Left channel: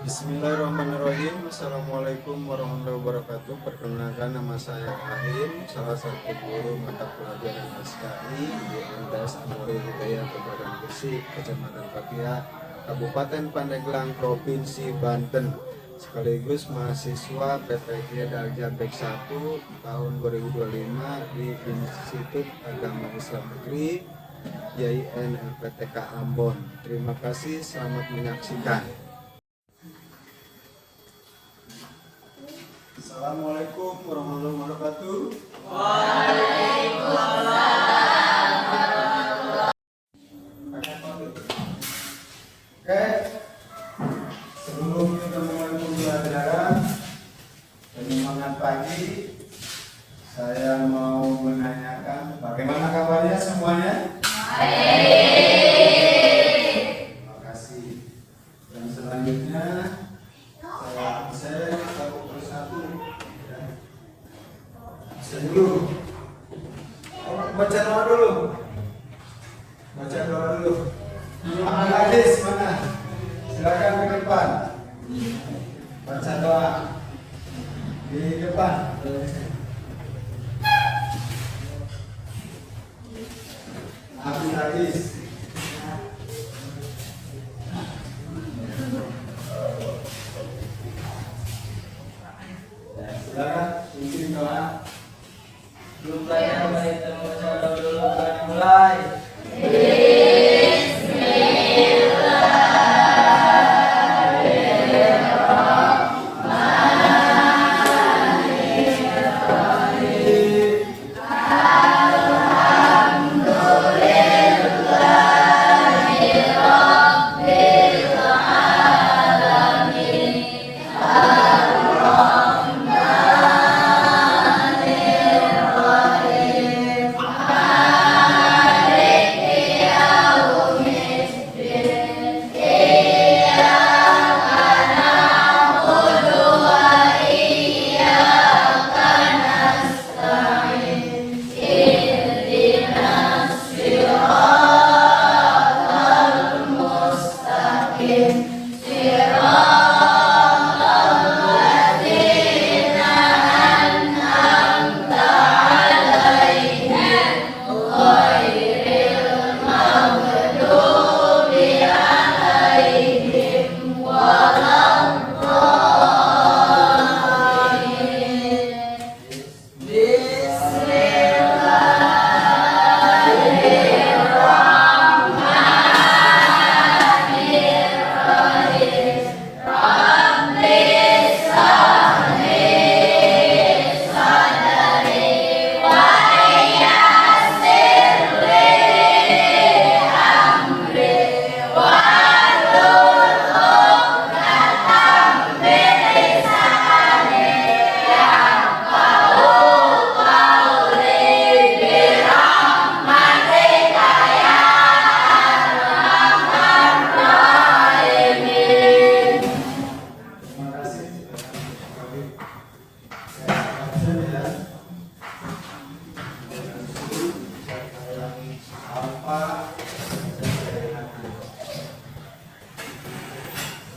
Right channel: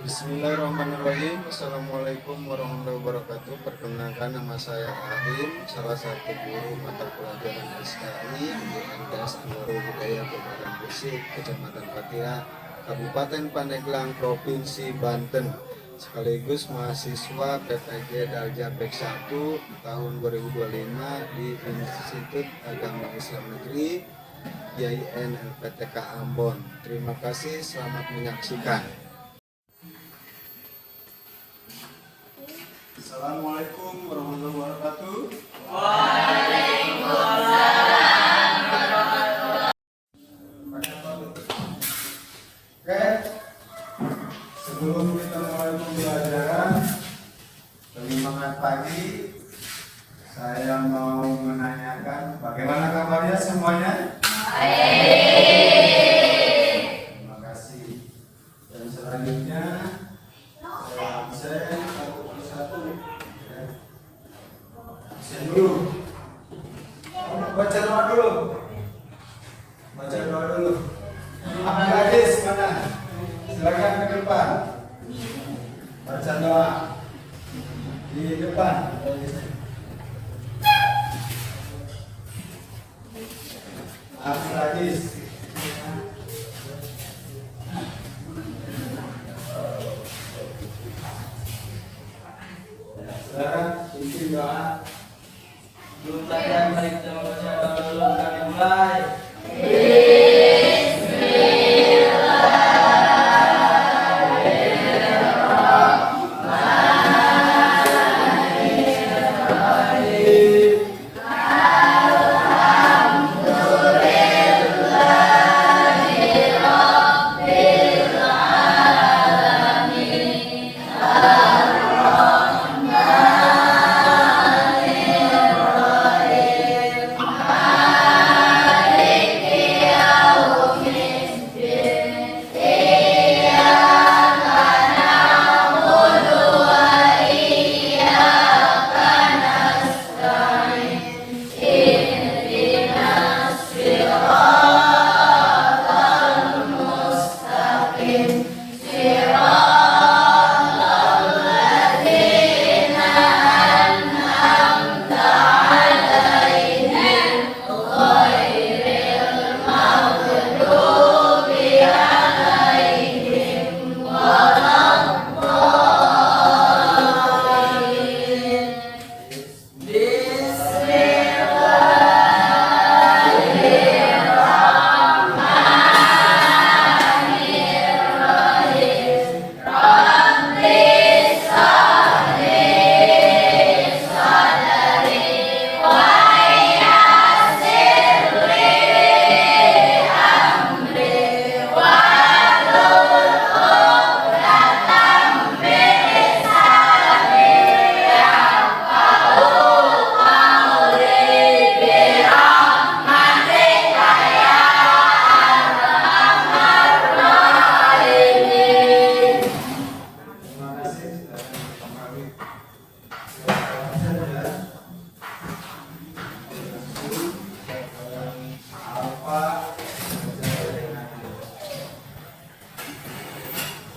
Bismillahirrahmanirrahim. Assalamualaikum warahmatullahi wabarakatuh. Perkenalkan, nama saya Ahid, salah satu guru mata pelajaran SKI di LDS Anwaro Budaya Kabupaten Gresik, Kecamatan Patia, Kabupaten Pandeglang, Provinsi Banten. Sekaligus mahasiswa PTG Darja Bek 1 tahun 2025 di Institut Agama Islam Negeri YIN LPTK Ambon. Terima kasih, selamat menyaksikan. Assalamualaikum warahmatullahi wabarakatuh. Oke, sebelum kita mulai pembelajaran penyemangat pagi, saya mau menanyakan bagaimana kabarnya semuanya? Terima kasih. Dan selanjutnya saya absen satu persatu. Absen dulu. Baca doa dulu. Baca doa dulu. Ahmad Hadis mana? Silakan ke depan. Baca doa di depan. Ahmad Hadis. Silakan bikin doa. Jumpa yang baik teman-teman dulu akan dimulai.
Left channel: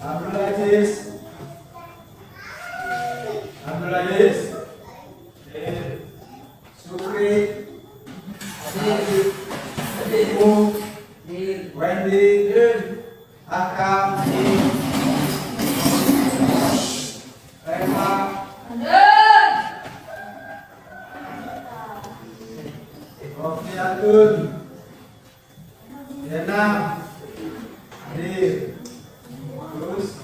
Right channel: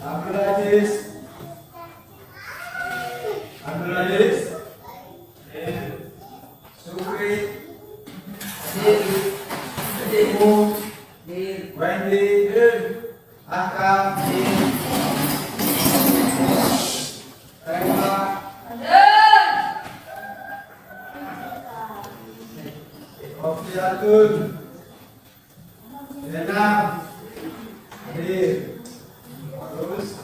Abdul Aziz. Abdul Aziz. Sukri. Ibu. Wendy. Akam. Rema. Rofiatun. Lena. Hadir. Terus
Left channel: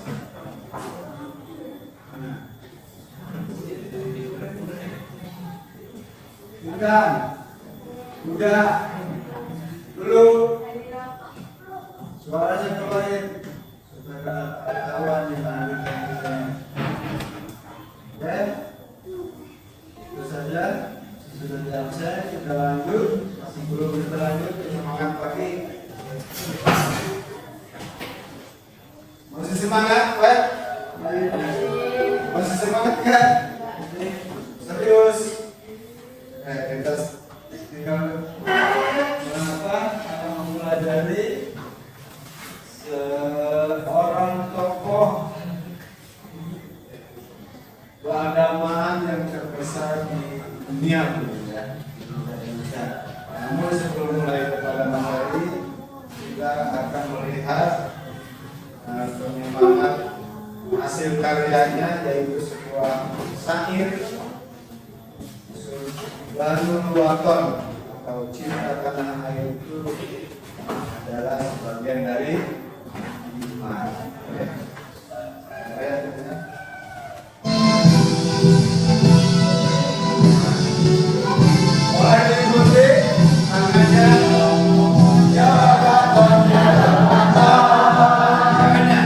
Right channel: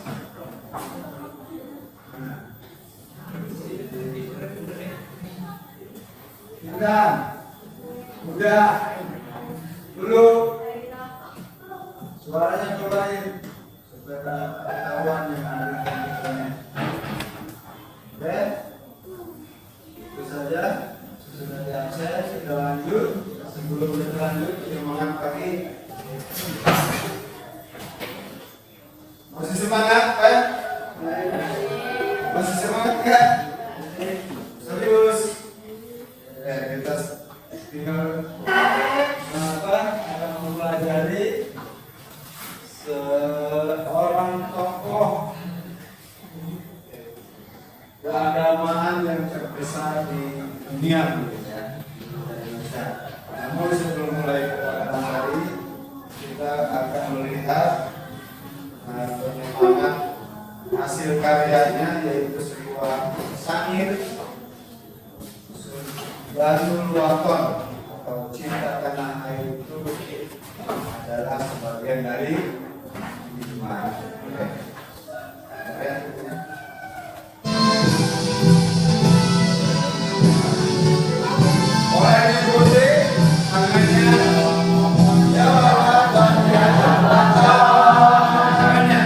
udah dulu suaranya cobain supaya ketahuan yang ada di oke, itu saja. Sudah di absen, kita lanjut. Sebelum kita lanjut penyemangat pagi, masih semangat, Pak? Masih semangat kan? Serius? Kita tinggal akan mempelajari seorang tokoh Namun sebelum mulai kepada materi, kita akan melihat penyemangat hasil karyanya, yaitu sebuah syair Banul Waton atau Cinta Tanah Air itu adalah sebagian dari iman. Orang diikuti tangannya, ya Waton, ya Waton, tangannya.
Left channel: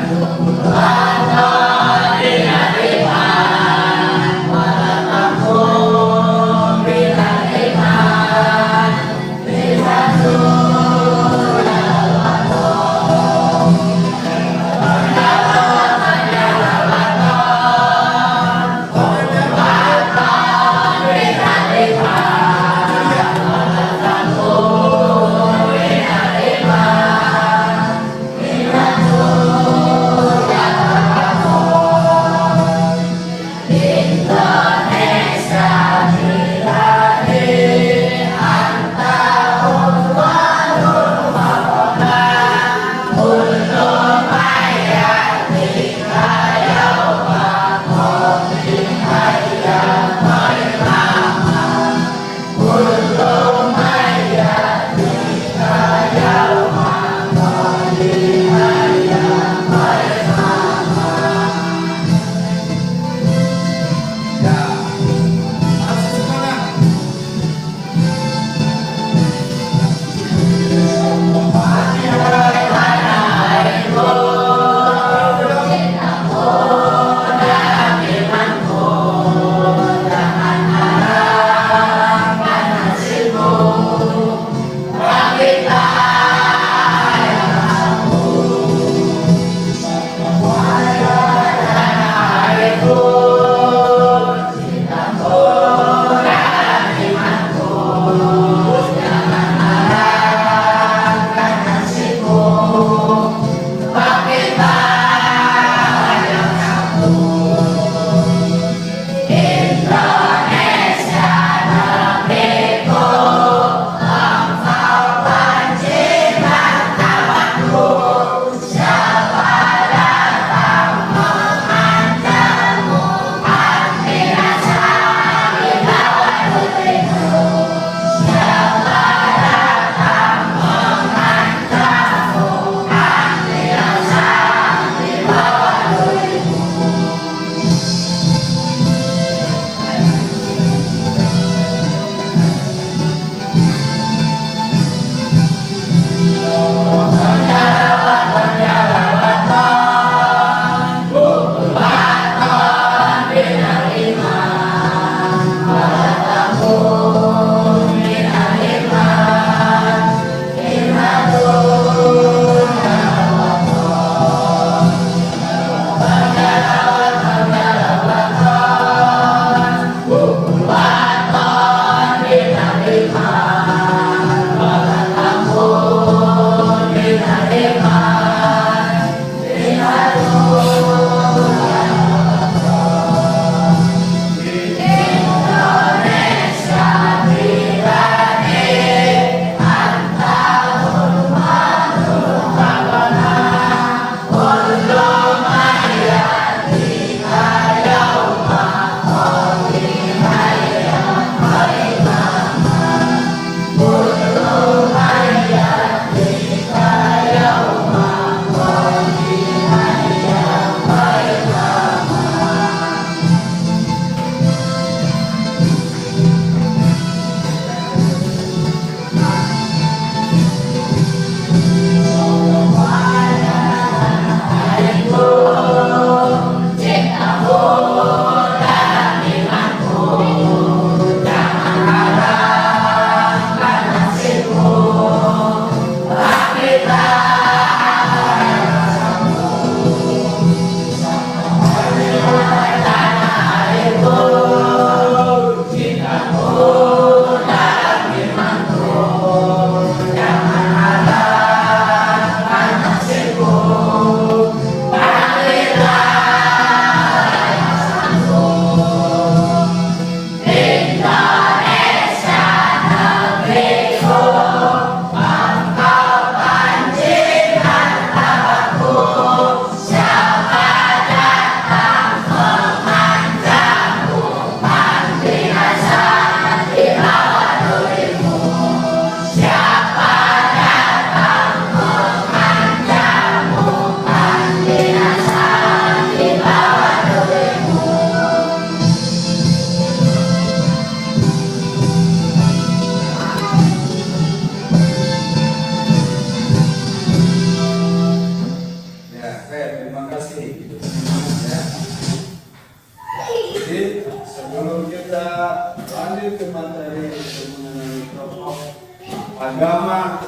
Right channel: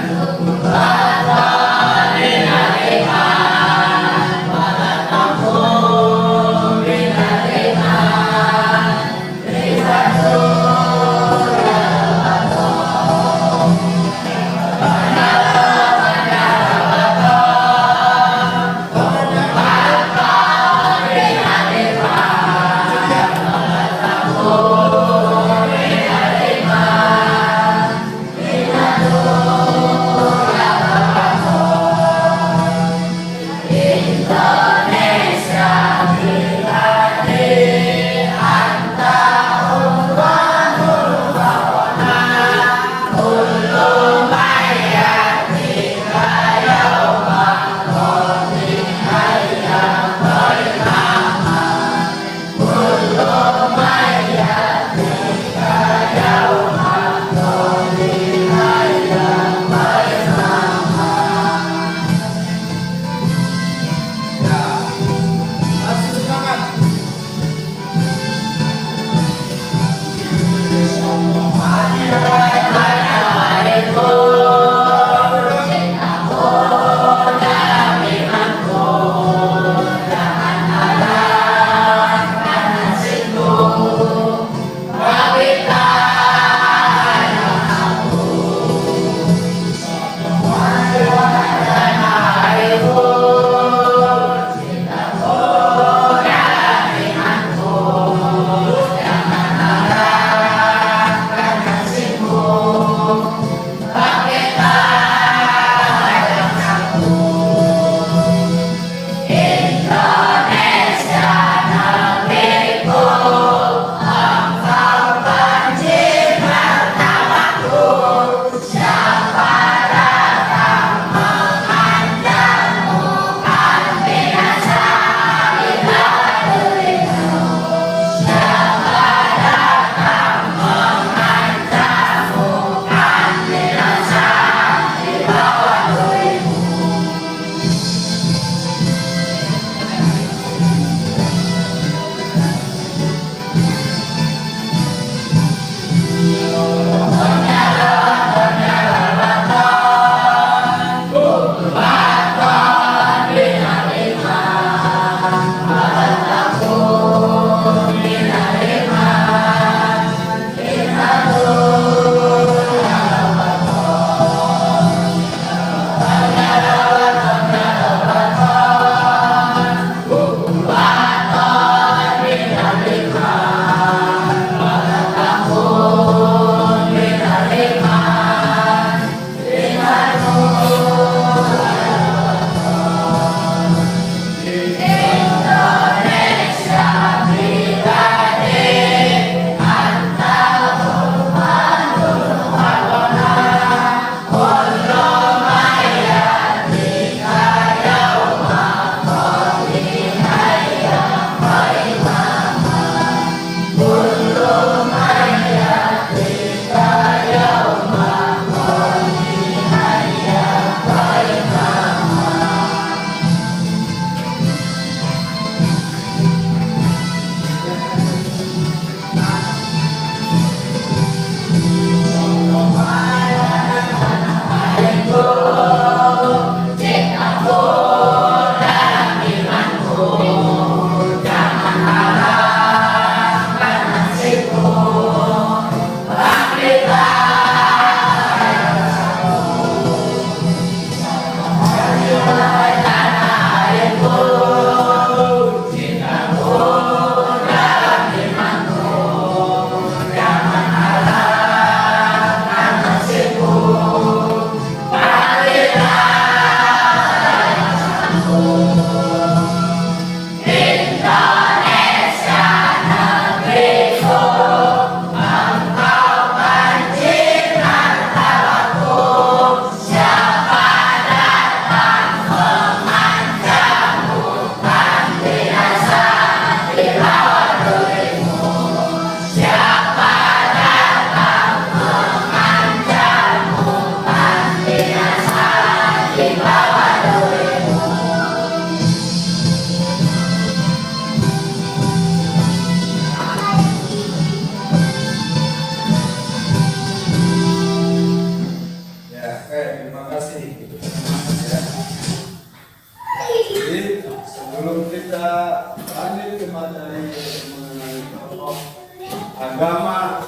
agama,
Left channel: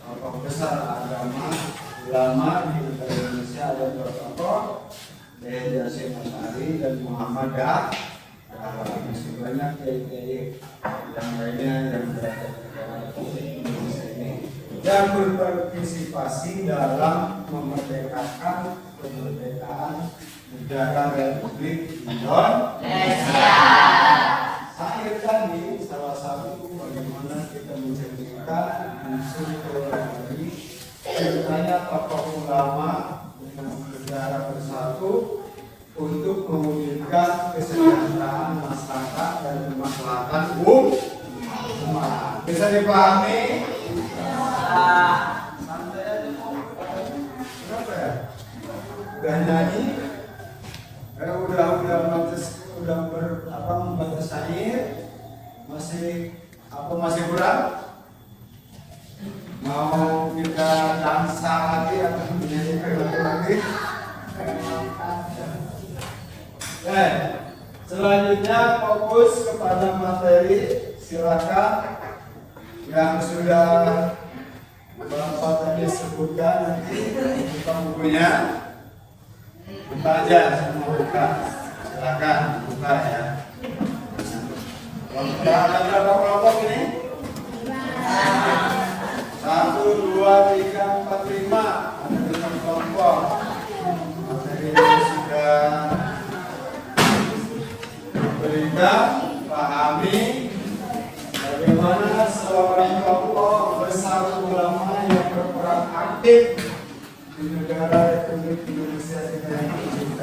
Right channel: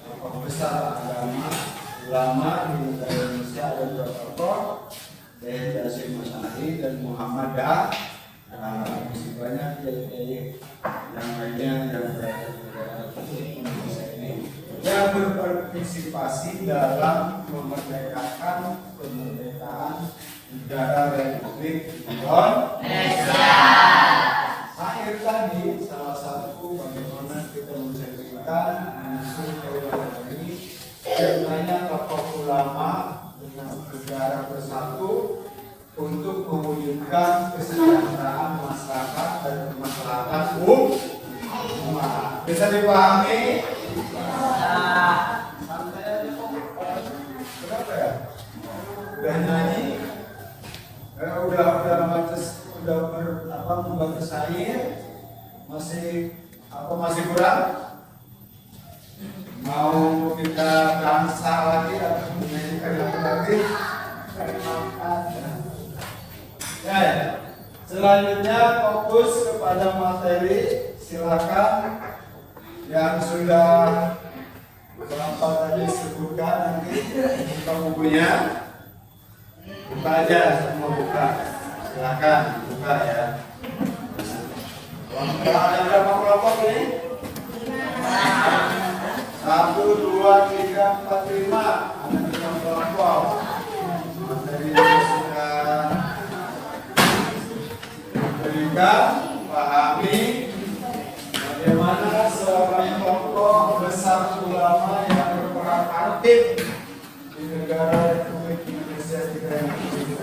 tokoh besar agama ulama di negara Indonesia ada dua tokoh, yaitu Hasyim Asy'ari dan Muhammad Dahlan. Masih banyak kiai-kiai yang lainnya yang berada di negara Indonesia ini yang berpartisipasi dalam memerdekakan kemerdekaan negara Republik Indonesia. Akhir tadi salah satu bagaimana kita menceritakan unsur keluarga ini, ceritanya tokoh ulama dengan negara bersatu untuk mewujudkan kesejahteraan masyarakat dan kemaslahatan umat. Bisa dipahami? Santai aja kok. Kenapa ya? Udah nyanyi? Udah membatas air? Masih kurang? Mau kita dansa lagi atau menyanyikan lagu lagi? Selanjutnya fokus kepada materi. Silakan yang sudah Bapak tadi sebutkan nanti buka bukunya, buka aja, semua buka. Silakan buka ya. Ada berapa kelompok ini? 1, 2, 3, 4, 5. Ada 5 kelompok. Materinya sudah diberikan, pahami bagaimana seorang tokoh besar ulama yang berperan aktif di negara Republik Indonesia kita ini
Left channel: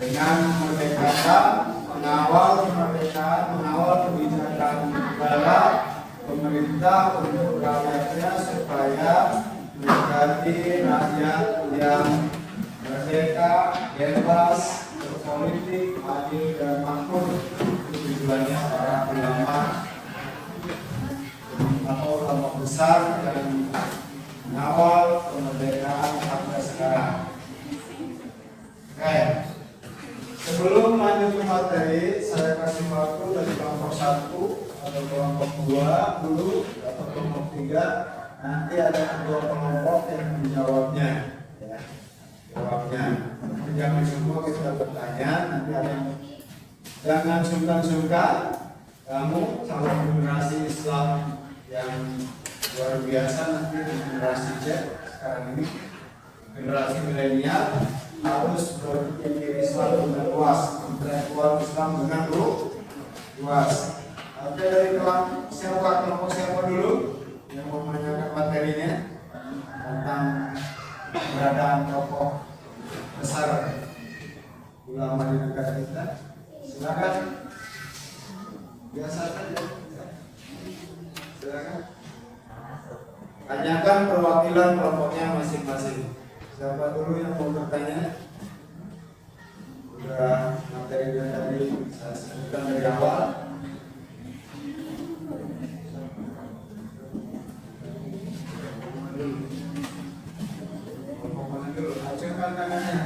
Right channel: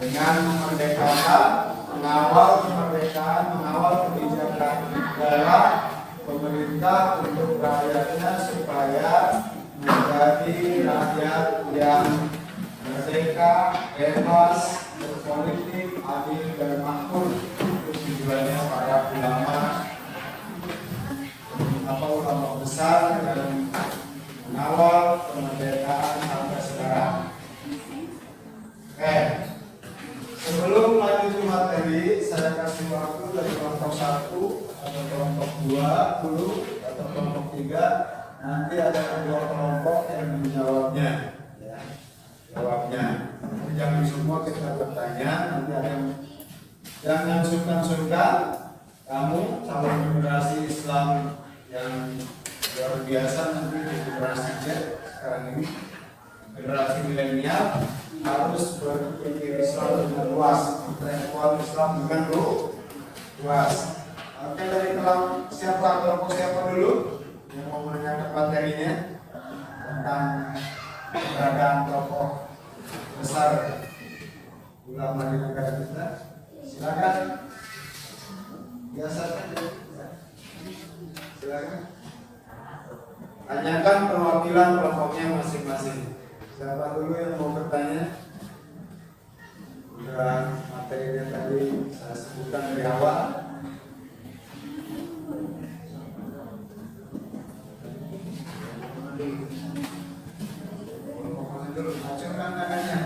dengan merdekakan, mengawal kemerdekaan, mengawal kebijakan negara pemerintah untuk rakyatnya supaya menjadi rakyat yang merdeka, bebas, berpolitik, adil dan makmur. Itu tujuannya para ulama besar dan mengawal kemerdekaan sampai sekarang. Sebelum lanjut ke materi, saya kasih waktu dari kelompok 1 atau kelompok 2 dulu atau kelompok 3. Nanti ada kedua kelompok yang menjawabnya, ya, jawabnya. Jangan semua kita bertanya, nanti ada yang jangan sungkan-sungkan. Kamu calon generasi Islam yang luar biasa nanti di generasi Z sekarang ini, generasi milenial, harus berpikir Islam dengan luas, intelektual Islam dengan luas. Oke, dari kelompok siapa dulu yang mau menanyakan materinya tentang keberadaan tokoh besar ulama di negara kita? Silakan. Biasa saja. Silakan. Tanyakan perwakilan kelompoknya masing-masing. Siapa dulu yang mau bertanya? Sudah materi yang tadi saya sebutkan dari awal. Hasilkan tangannya.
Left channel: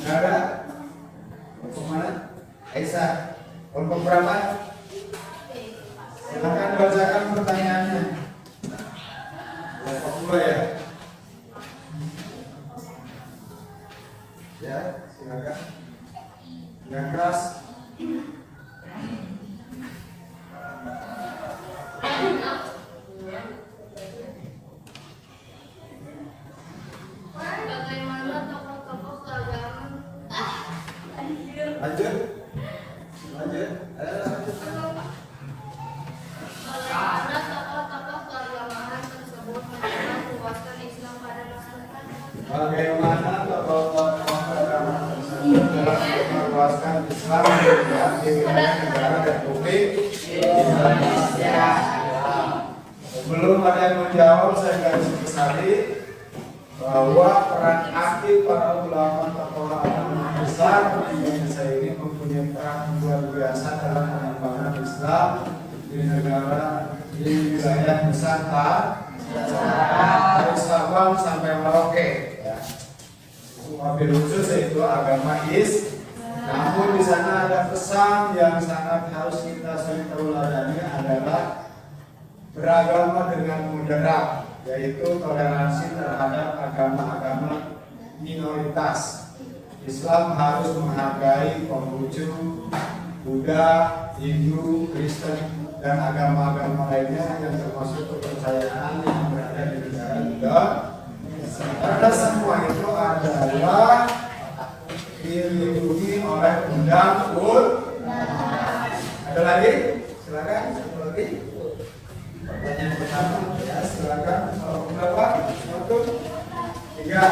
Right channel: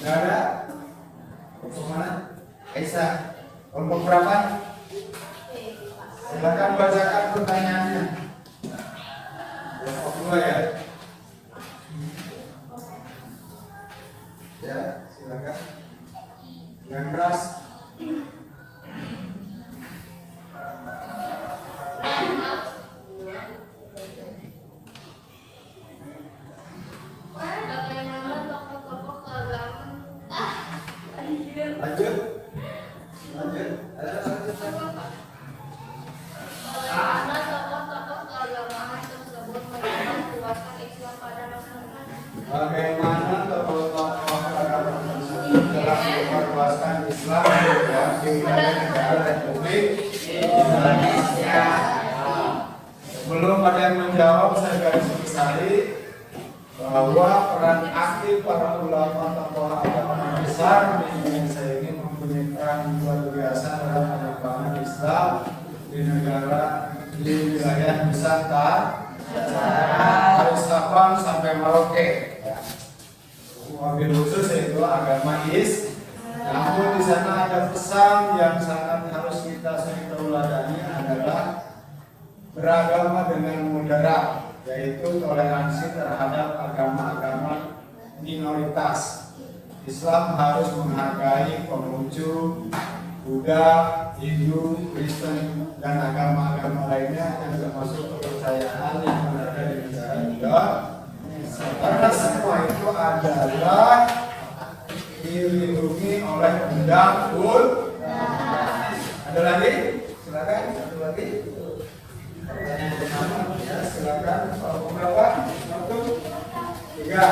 Nara, kelompok mana? Aisyah, kelompok berapa? Silakan bacakan pertanyaannya. Kelompok 2 ya. Ya, silakan. Yang keras. Bagaimana tokoh-tokoh keagamaan? Lanjut. Bagaimana tokoh-tokoh keagamaan tersebut menyebarluaskan Islam pada masyarakat? Bagaimana tokoh-tokoh agama tersebut telah meluaskan Islam di wilayah negara Republik Indonesia? Belum ada yang menjawab, saya garis bawahi bahwa peran aktif para ulama tokoh agama besar di Indonesia ini mempunyai peran luar biasa dalam pengembangan Islam di negara di wilayah Nusantara dari Sabang sampai Merauke ya. Wabil khusus yaitu agama Islam. Namun di sana ada pesan yang sangat harus kita sering teladani adalah beragama dengan moderat, yaitu toleransi terhadap agama-agama minoritas. Islam harus menghargai Konghucu, Buddha, Hindu, Kristen, dan agama-agama lainnya yang termasuk kepercayaan yang berada di negara Indonesia. Karena semua itu adalah dilindungi oleh undang-undang. Ada lagi? Silakan. Satu lagi. Pertanyaan pertama, ya silakan. Kalau berapa? Satu, tiga.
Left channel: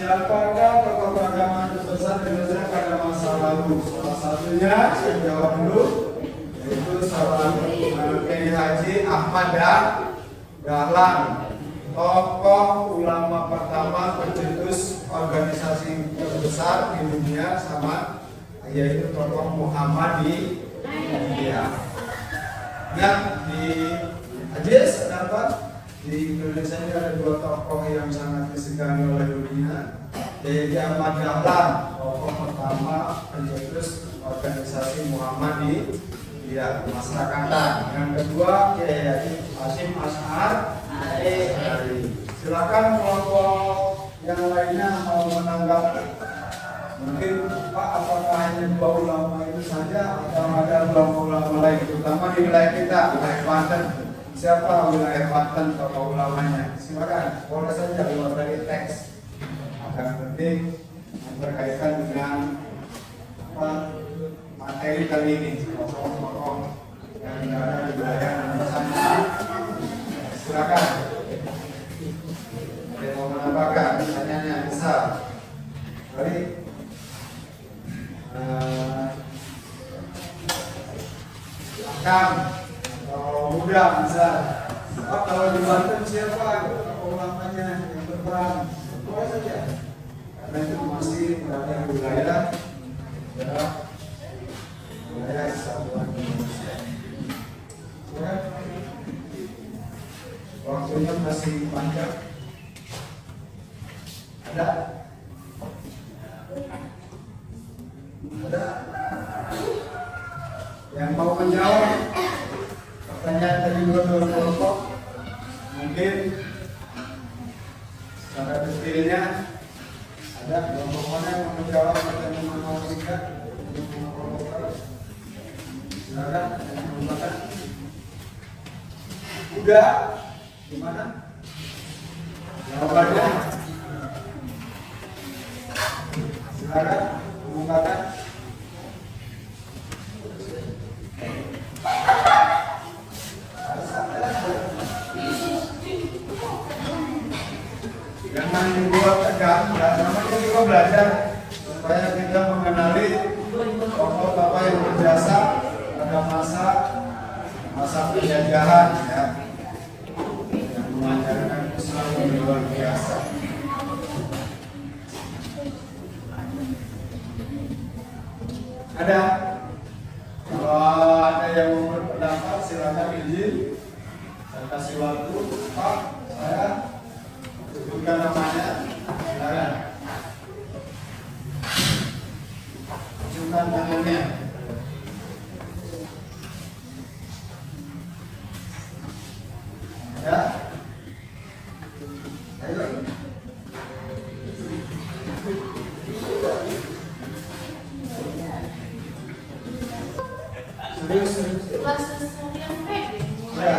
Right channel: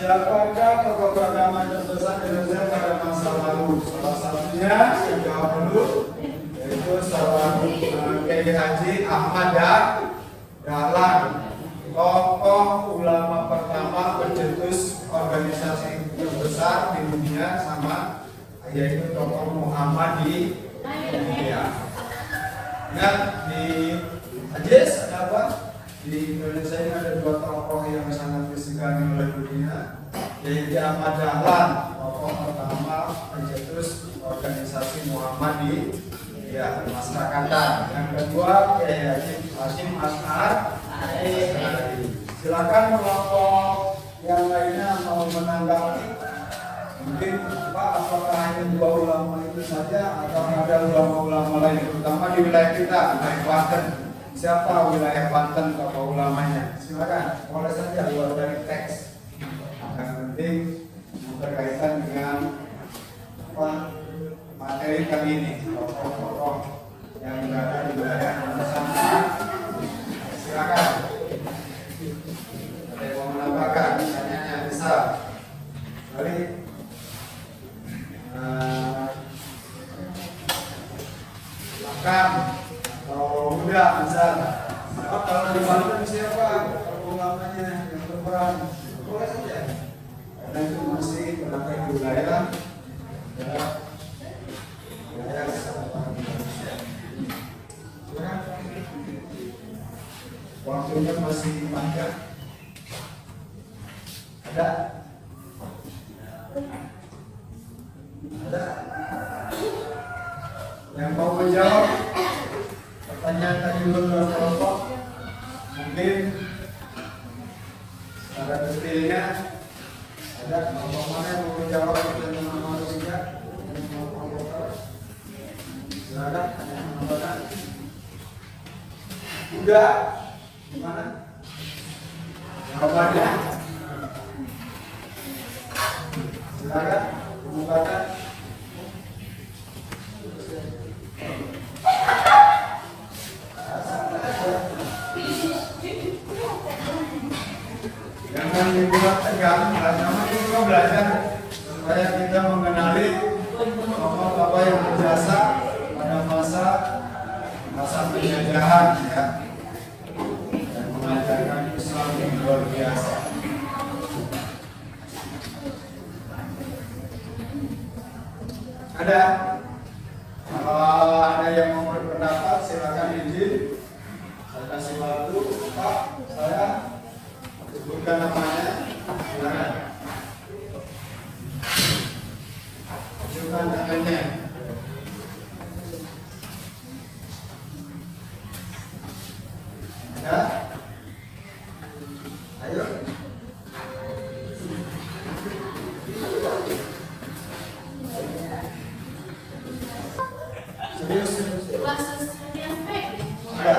Siapakah tokoh agama terbesar di Indonesia pada masa lalu? Salah satunya yang jawab dulu, yaitu salah Kiai Haji Ahmad Dahlan, tokoh ulama pertama pencetus organisasi terbesar di dunia, sama yaitu tokoh Muhammadiyah. Dan di Ajis ada apa? Di Indonesia ini ada dua tokoh yang sangat disegani oleh dunia, yaitu Ahmad Dahlan, tokoh pertama pencetus organisasi Muhammadiyah Masyarakatan. Yang kedua Kiai Haji Hasyim Asy'ari. Silakan kelompok yang lainnya mau menanggapi. Mungkin Pak, apakah hanya dua ulama itu saja atau ada ulama-ulama lain, terutama di wilayah kita, wilayah Banten. Siapa wilayah Banten tokoh ulamanya? Silakan, boleh saja luar dari teks. Yang penting berkaitan dengan materi kali ini, tokoh-tokoh yang berada di wilayah Nusantara. Silakan. Ada yang mau menambahkan? Pertanyaannya bisa. Mari. Makan. Oh, udah bisa. Oh, kalau di Banten siapa ulamanya yang berperan? Boleh saja. Karena itu masih berada di wilayah kesatuan Indonesia. Ya. Waktunya masih panjang. Ada? Ada? Yang mau menjawab pertanyaan tadi dua kelompok, mungkin secara detailnya ada kelompok mana yang mau menjawab pertanyaan nomor 3? Silakan, yang udah gimana? Jawabannya silakan, kemukakan. Jangan dibuat tegang, namanya juga belajar supaya kita mengenali tokoh-tokoh yang berjasa pada masa penjajahan ya, yang mengajarkan Islam yang luar biasa. Ada? Kalau ada yang mau berpendapat silakan izin. Saya kasih waktu, Pak. Saya sebutkan namanya. Silakan. Tunjukkan tangannya. Ya. Ayo. Serius. Ya.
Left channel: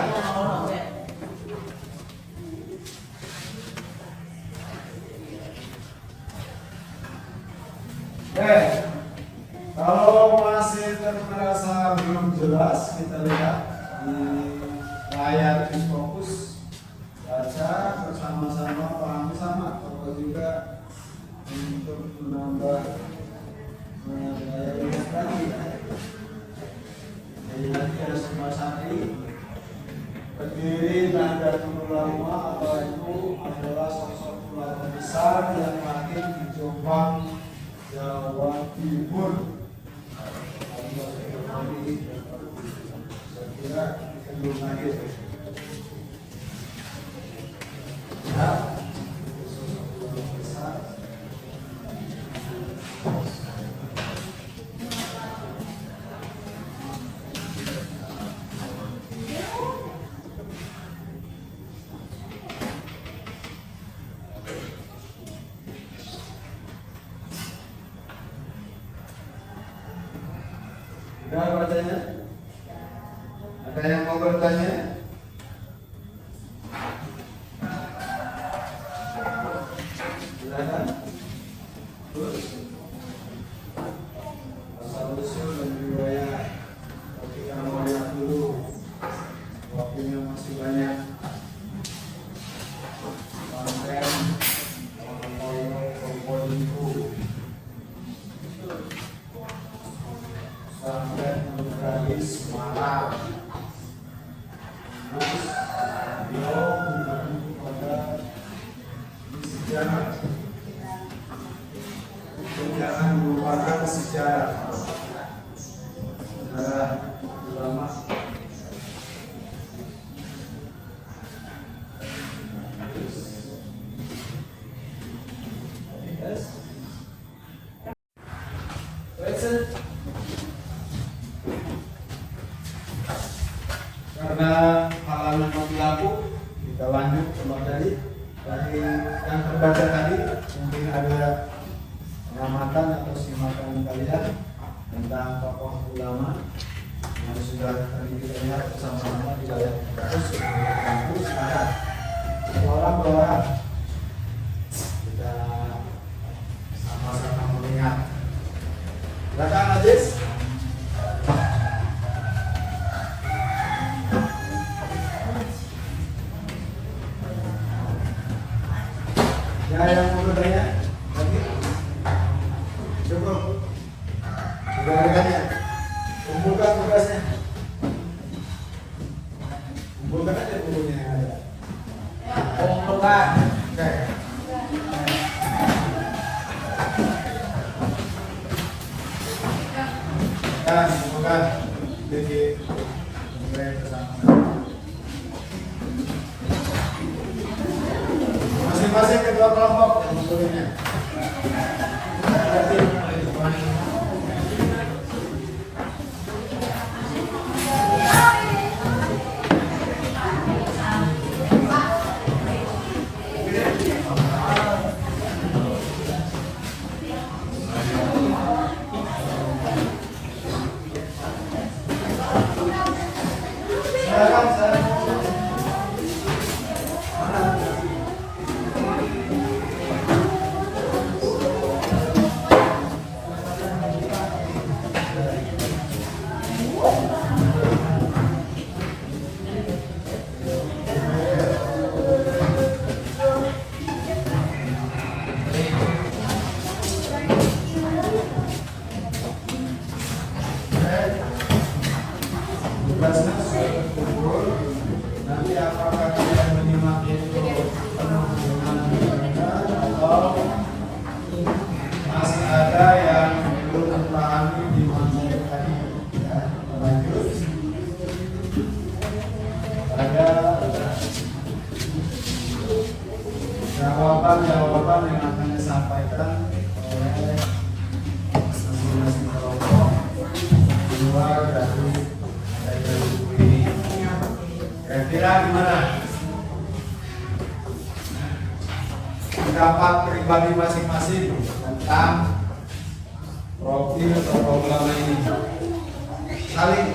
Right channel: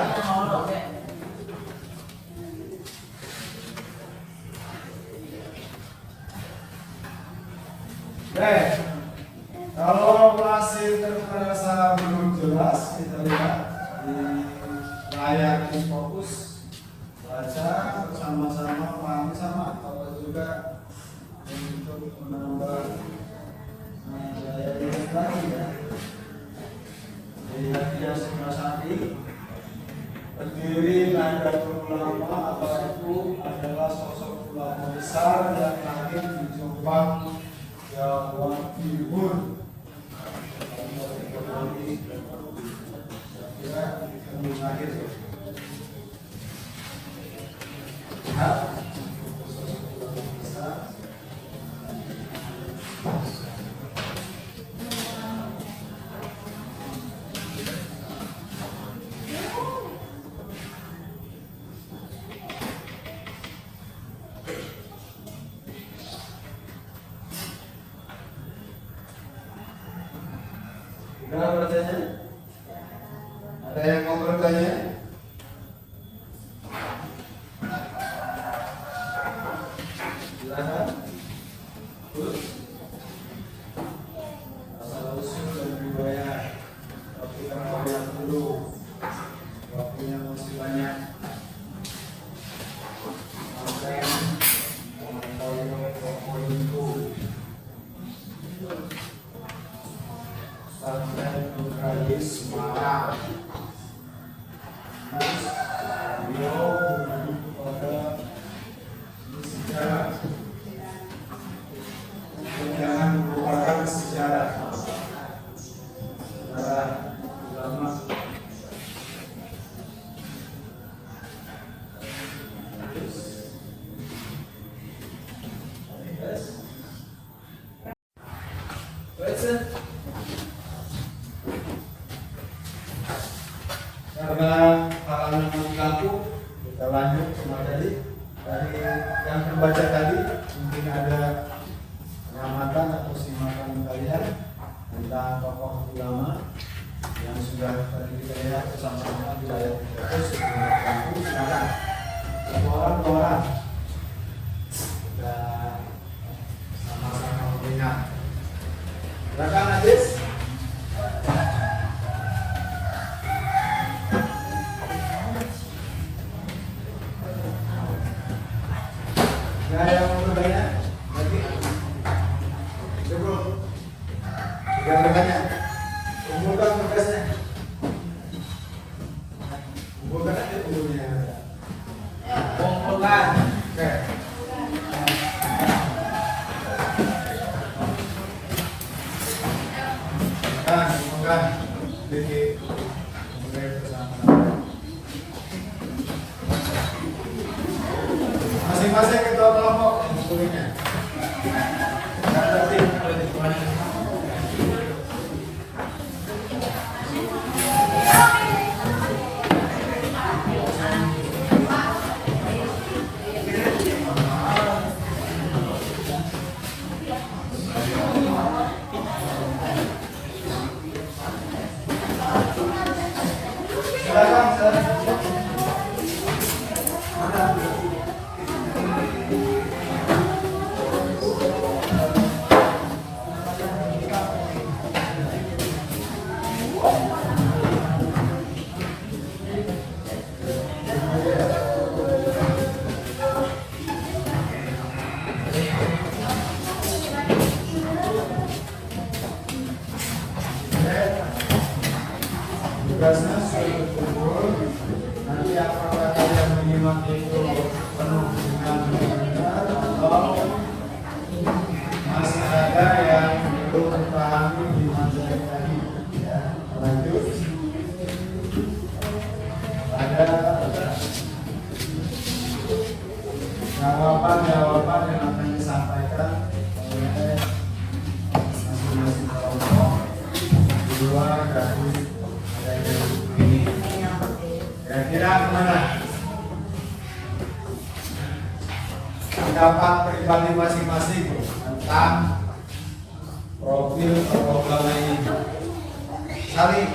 Kalau masih terasa belum jelas, kita lihat di layar fokus, baca bersama-sama, pahami sama, atau juga untuk menambah daya ingat lagi ya. Jadi Asmasari pendiri Nahdlatul Ulama atau NU adalah sosok ulama besar yang lahir di Jombang, Jawa Timur. Ada bertanya? Ada yang mau bertanya? Silakan. Terus asal usul dan riwayat. Tapi kita mau lihat dulu. Waktunya masih banyak. Sampai poin itu. Sampai Nurhalis marah. Terus beliau menuju pada sejarah. Jangan melupakan sejarah. Sejarah ulama. Yes. Listen. Karena halangan mati lampu, kita lanjut semua tadi. Dari yang terbaca tadi, mungkin ada pengamatan atau simakan kalian tentang tokoh ulama yang sudah tadi kita lihat bersama-sama di ayat terus silakan satu orang dua orang kita sama-sama mengingat. Silakan Adis. Ada yang mau bertanya lagi? Coba. Sudah bertanya. Kumpulkan tugasnya. Kumpulkan aja kumpulnya. Kumpulkan. Oke. Kumpulkan. Jadi mulai bersama. Masing-masing ketua kelompok kumpulnya. Tugasnya sudah terkumpul. Nanti apakah kalian menyimak itu penuh dengan benar atau masih ada yang belum terpahami di materi tadi? Ya, lanjut. Ada jawaban yang akan disampaikan oleh masing-masing kelompok di luar dari ini. Kira-kira gimana? Pendapat pribadi masing-masing tentang profil tokoh ulama ini. Saling,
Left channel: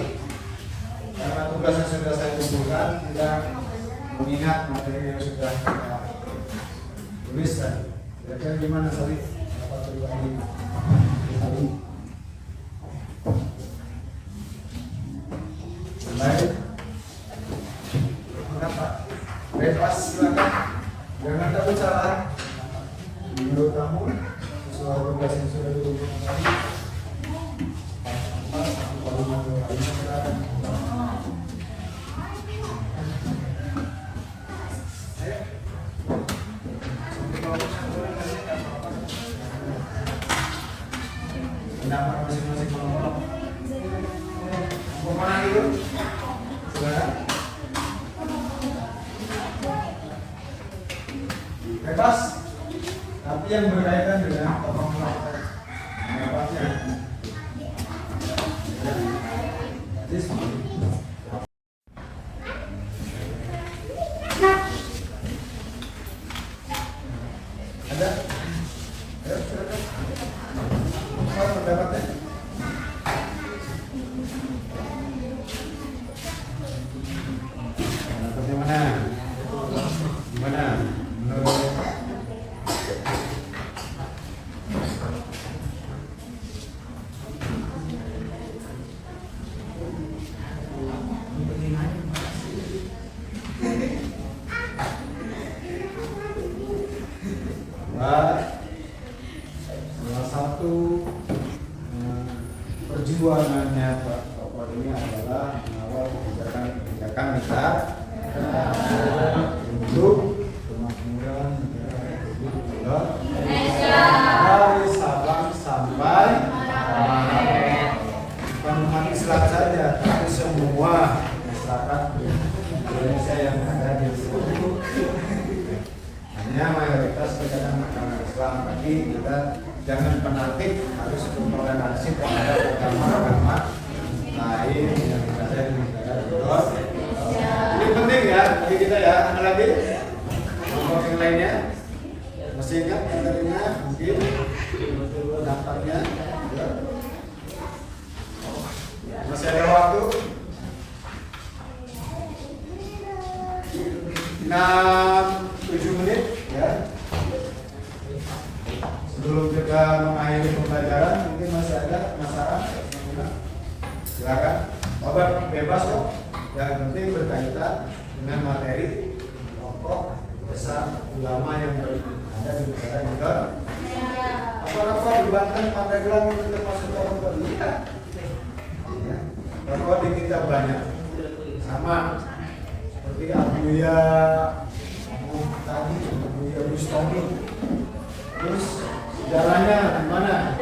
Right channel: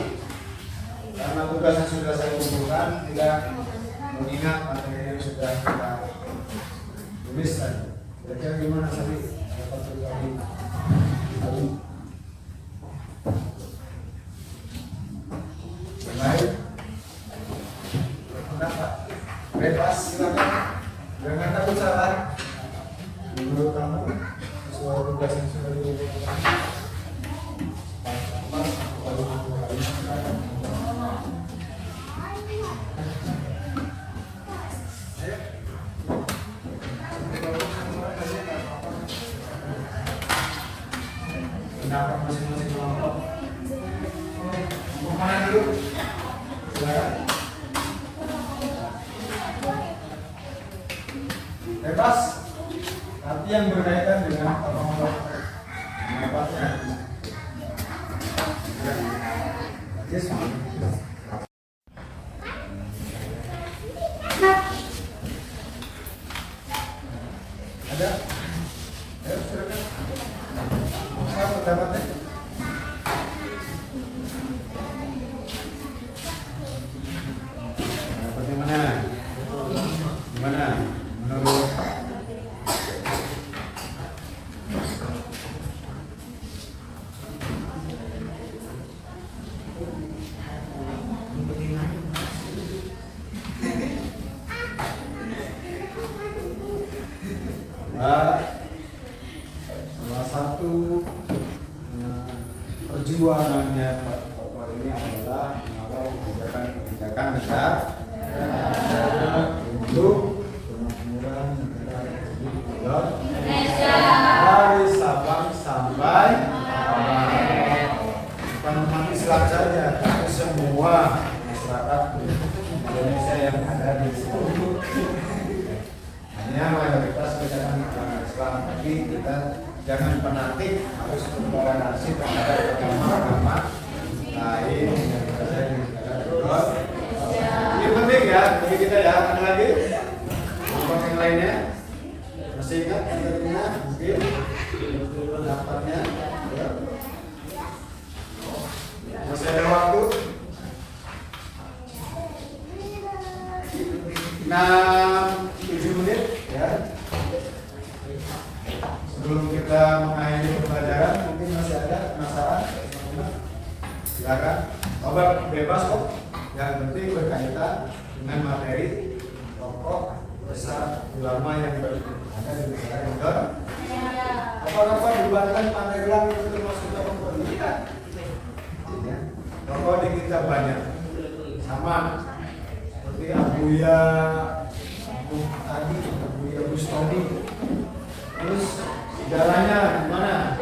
karena tugasnya sudah saya kumpulkan, tidak mengingat materi yang sudah kita tulis tadi. Kira-kira gimana Saling? Pendapat pribadi. Saling. Baik. Pendapat. Bebas silakan. Jangan takut salah. Menurut kamu sesuai tugas yang sudah dikumpulkan. Pendapat masing-masing kelompok. Mau mana dulu? Silakan. Bebas, tapi yang berkaitan dengan tokoh pendapatnya. Ya. Yes. Ada? Ayo, silakan. Apa pendapatnya? Pendapatnya mana? Gimana? Menurut salah satu perjuangannya Pak Tokoh ini adalah mengawal kebijakan negara untuk kemakmuran negara Republik Indonesia dari Sabang sampai Merauke. Bukan umat Islam saja, tapi semua masyarakat Indonesia yang ada di sini. Hanya mayoritas kita kan orang Islam, tapi kita jangan fanatik, harus toleransi terhadap agama-agama lain yang ada di negara Indonesia. Ini penting ya bagi kita ya. Ada lagi kelompok yang lainnya masih ingat materinya mungkin betul daftarnya ya. Masih ada waktu 6-7 menit ya. Sebelum kita mengakhiri pembelajaran, mungkin masih ada penasaran? Silakan. Obat bebas kok. Yang penting berkaitan dengan materi tokoh besar ulama yang ada di negara Indonesia. Apa-apa di Banten, Pandeglang itu termasuk tokoh Indonesia. Ya. Tokoh di kita banyak. Sama seperti Abuya Bustami. Terus sejarahnya gimana?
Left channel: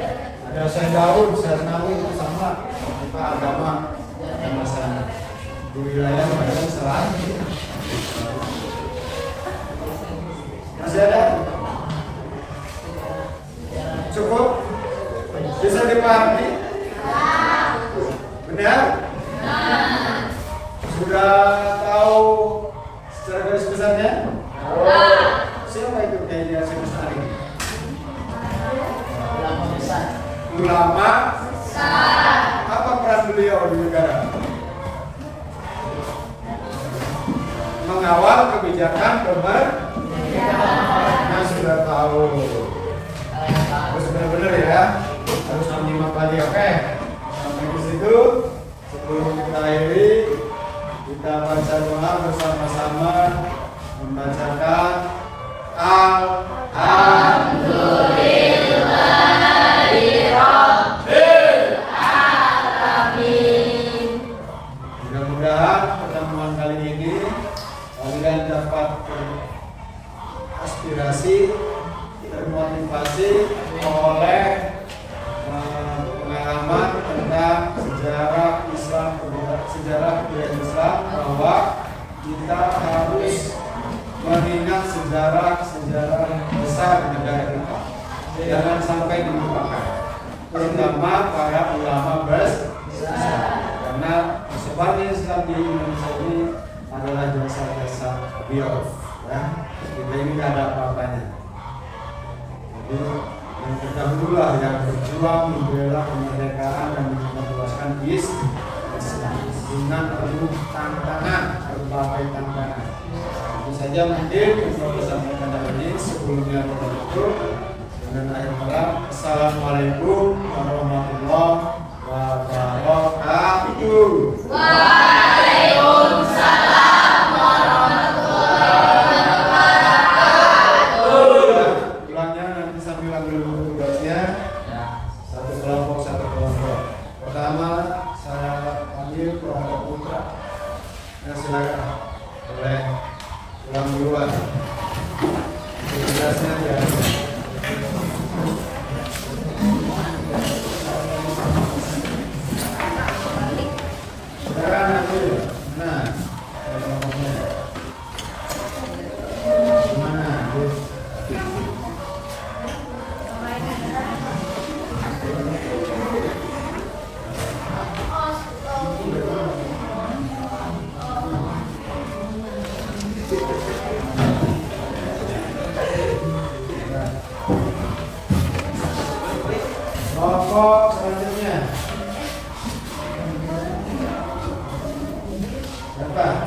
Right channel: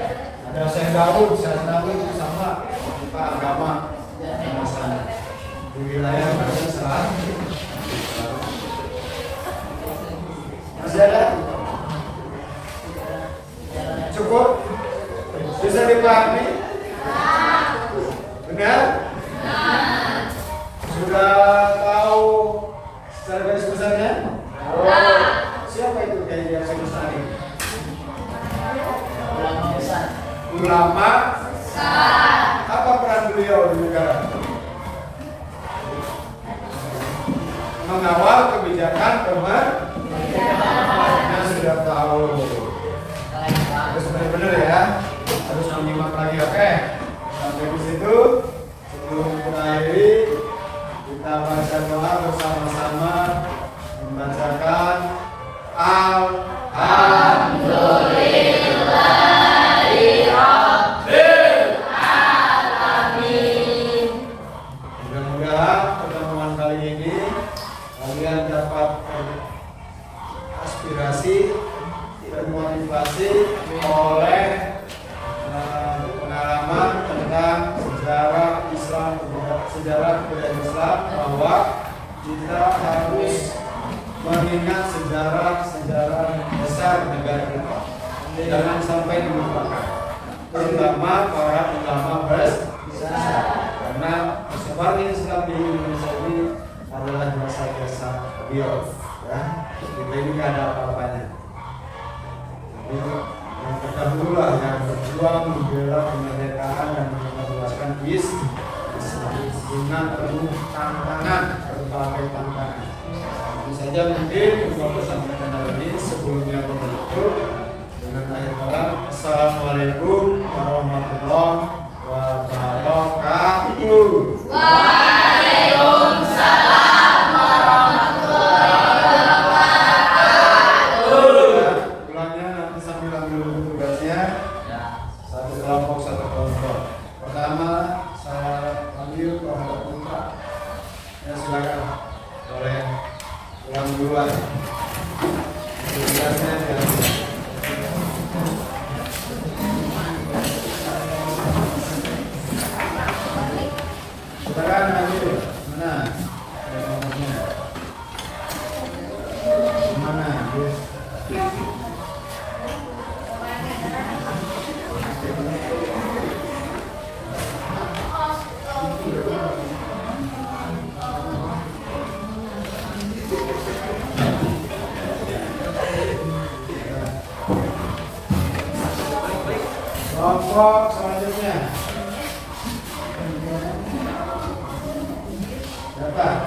Ada Syekh Daud, Syekh Nawawi itu sama kita agama sama di wilayah Banten Selatan. Masih ada? Cukup? Bisa dipahami? Benar? Sudah tahu secara garis besarnya? Siapa itu yang garis besar ini? Ulama besar. Apa peran beliau di negara? Mengawal kebijakan pemerintah. Sudah tahu. Harus benar-benar ya. Harus menyimak lagi, oke? Sampai di situ. Sebelum kita akhiri, kita baca doa bersama-sama membacakan Mudah-mudahan pertemuan kali ini kalian dapat aspirasi dan motivasi oleh pengalaman tentang sejarah Islam, sejarah kebudayaan Islam, bahwa kita harus mengingat sejarah besar di negara kita. Jangan sampai dilupakan, terutama para ulama besar, karena sebarnya Islam di Indonesia ini adalah jasa-jasa beliau. Ya, kita ini nggak ada apa-apanya. Jadi yang terdahululah yang berjuang membela kemerdekaan dan meluaskan Islam dengan penuh tantangan, berbagai tantangan. Tentu saja mungkin untuk pesan-pesan hari ini sebelumnya kita tutup dengan akhir kalam. Assalamualaikum warahmatullahi wabarakatuh. Waalaikumsalam warahmatullahi wabarakatuh. Ulangnya nanti sambil ambil tugasnya. Satu kelompok. Pertama saya ambil kelompok putra. Ya silakan. Boleh ulang duluan. Tugasnya ya. Kelompok selanjutnya. Berapa?